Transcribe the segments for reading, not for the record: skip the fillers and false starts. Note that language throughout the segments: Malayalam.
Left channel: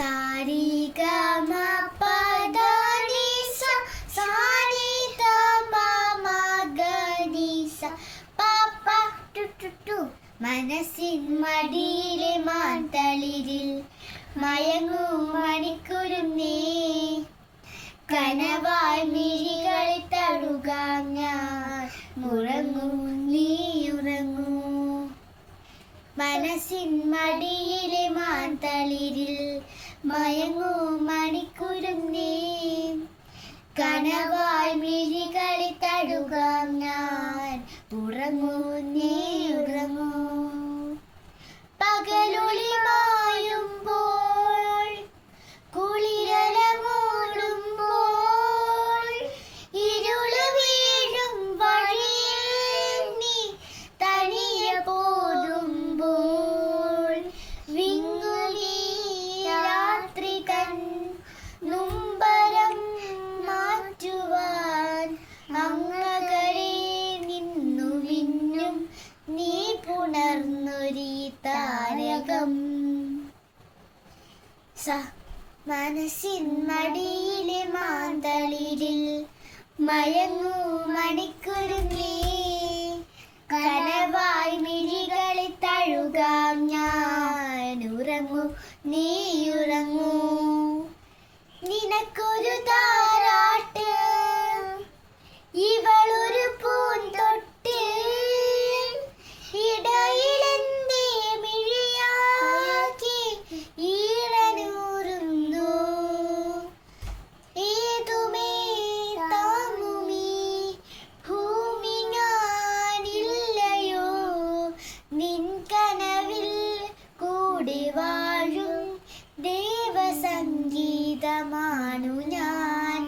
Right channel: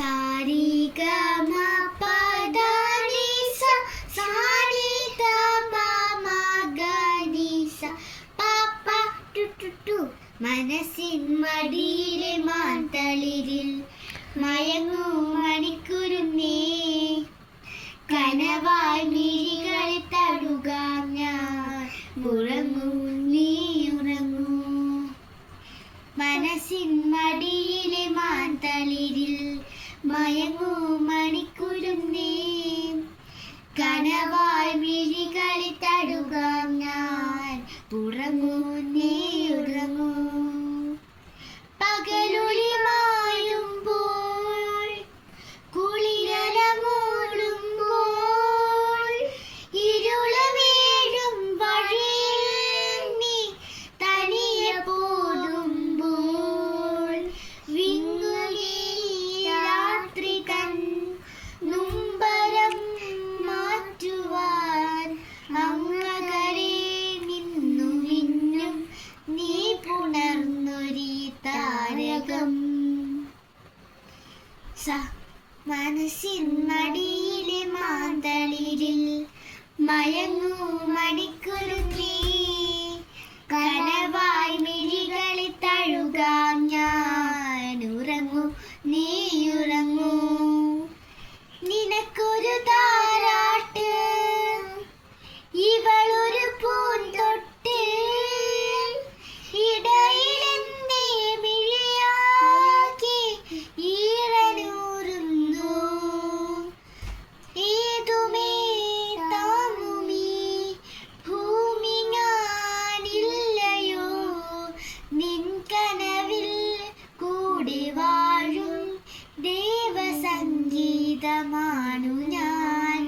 സാരി ഗമ പദ നി സ സാരി ഗമ മഗ നി സ പപ ടു ടു ടു. മനസ്സിൻ മടിയിലെ മാന്തളിരിൽ മയങ്ങും മണിക്കുരുന്നേ, കനവായി മിഴികളിൽ തഴുകാം ഞാൻ. ഉറങ്ങൂ നീ ഉറങ്ങൂ. മനസ്സിൻ മടിയിലെ മാന്തളിരിൽ മയങ്ങൂ മണിക്കുരുന്നേ, കനവായി മിഴികളിൽ തഴുകാം ഞാൻ. ഉറങ്ങൂ നീ ഉറങ്ങൂ. പകലൊളി മായുമ്പോൾ കുളിരല മൂടുമ്പോൾ ഇരുള വീഴും വഴിയിൽ നീ തനിയെ പോകുമ്പോൾ വിങ്ങുകി രാത്രി തൻ നുംബരം മാറ്റുവാൻ അങ്ങകലെ നിന്നു മിന്നും നീ പുണർന്നൊരീ താരകം. മനസ്സിൻ മടിയിലെ മാന്തളിരിൽ മയങ്ങൂ മണിക്കുരുന്നേ, കനവായി മിഴികളിൽ തഴുകാം ഞാൻ. ഉറങ്ങൂ നീ ഉറങ്ങൂ. നിനക്കൊരു താരാട്ട് ഇവളൊരു പൂന്തൊട്ട്, ഇടയിലെന്തേ മിഴിയാക്കി ഈറനൂറുന്നു. ഏതുമേ താങ്ങുമീ ഭൂമി ഞാനില്ലയോ, നിൻ കനവിൽ കൂടി വാഴും ദേവസംഗീതമാണു ഞാൻ.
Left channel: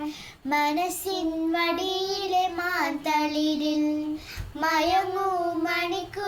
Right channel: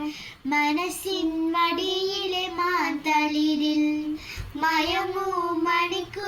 മനസ്സിൻ മടിയിലെ മാന്തളിരിൽ മയങ്ങൂ മണിക്കു